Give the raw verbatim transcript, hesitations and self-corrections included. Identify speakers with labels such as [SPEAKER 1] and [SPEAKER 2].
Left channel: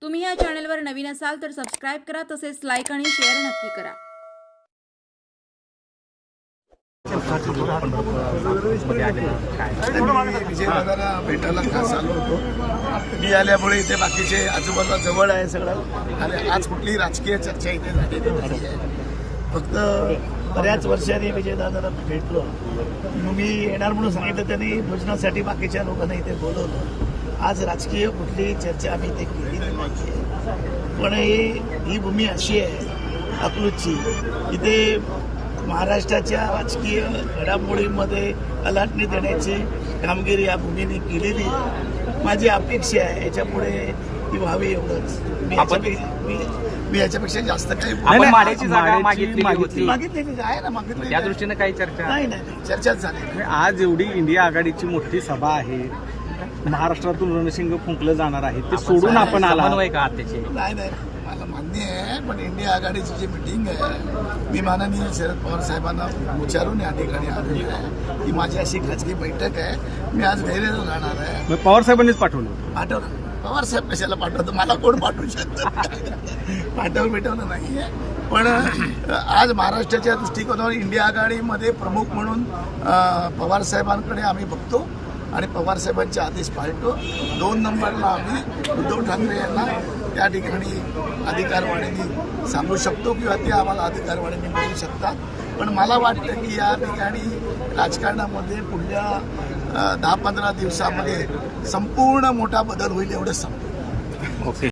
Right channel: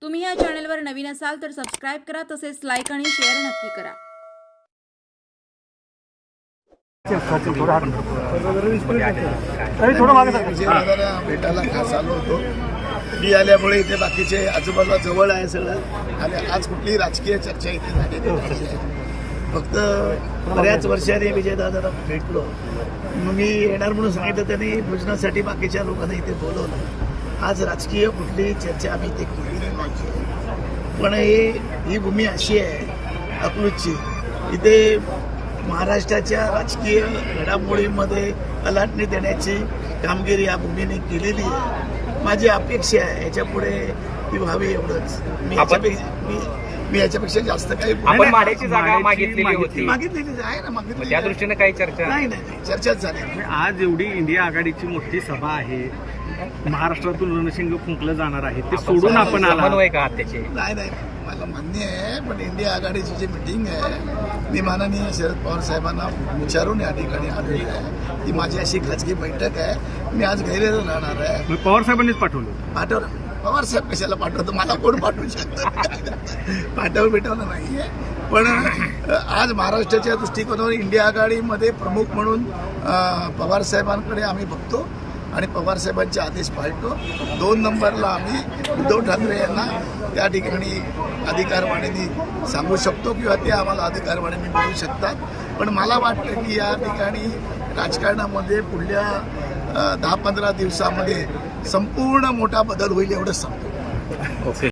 [SPEAKER 1] तुम्ही या चॅनलवर नवीन असाल तर सबस्क्राइब करा, तसेच लाईक आणि शेअर नक्की करा।
[SPEAKER 2] विजयनगरला भेटायला खास आलो होतो। मी आल्यामुळे इथे बाकीचे आजूबाजूला जवळ आहे सगळं आणि आज कुठलीही राजकीय चर्चा इथे झालेली नाही। फक्त बऱ्याच वर्षांनी विजयदादाला भेटलो, मी येणार म्हणून सांगितलं, त्यांनी भोजनासाठी बाकीच्या लोकांना इथे बोलवलं। आज राजकीय कुठलीही चर्चा आम्ही इथे केलेली नाही, पण ही ही भूमी अशी आहे अकलूजची, इथे महाराष्ट्राच्या राजकीय घडामोडींमध्ये अलाटणी देण्याची कामगिरी या भूमीने केलेली आहे। माझी अपेक्षा आहे याच्यापुढे ती व्हावी, एवढंच। मी याच्यापेक्षा मी मी याच्यापेक्षा जास्त काही
[SPEAKER 3] आपण माड्याची जागा मागितलेली होती,
[SPEAKER 2] मागितलेली आहे ना, मागितली।
[SPEAKER 3] त्या दृष्टीने काही चर्चा
[SPEAKER 2] नाही नाही नाही, चर्चाच झाली नाही।
[SPEAKER 4] आज एवढी इंडिया आघाडीची मोठी सभा आहे, महाराष्ट्रातून रणशिंग फुंकलं जाणार आहे, ते सोडून आपण आला
[SPEAKER 3] समन्वय का त्याचे?
[SPEAKER 2] नाही नाही, मला मान्य आहे, पण इंडिया आघाडीची जी मिटिंग आहे मी माननीय शरद पवार साहेबांना विचारून या ठिकाणी आलेलो आहे की माझी अशी खाजगी बैठक आहे, मी आज गैरहजर राहणार आहे।
[SPEAKER 4] पवार साहेबांनीच पाठवलं
[SPEAKER 2] पाठवलं पवार साहेब कशाला पाठवतो, मला कोण पाठवू शकतं? पाठवलं भेटवलं नाहीये, पण आज महाराष्ट्राच्या दृष्टिकोनावर इंडिया आघाडीमध्ये प्रमुख म्हणून पवार साहेबांकडे आम्ही बघतो आणि पवार साहेबांचे आदेश पाळतो। दोन नंबरला आम्ही उद्धव ठाकरे यांना त्या ठिकाणी अधिकारवाणीने सांगू शकतो किंवा ते आम्हाला अधिकारवाणीने मिळू शकतात, पण मला वाटतं की या ठिकाणी राजकारणामध्ये पुढल्या दहा पंधरा दिवसामध्ये संपूर्ण मोठा बदल होईल, एवढंच सांगतो।
[SPEAKER 3] ओके।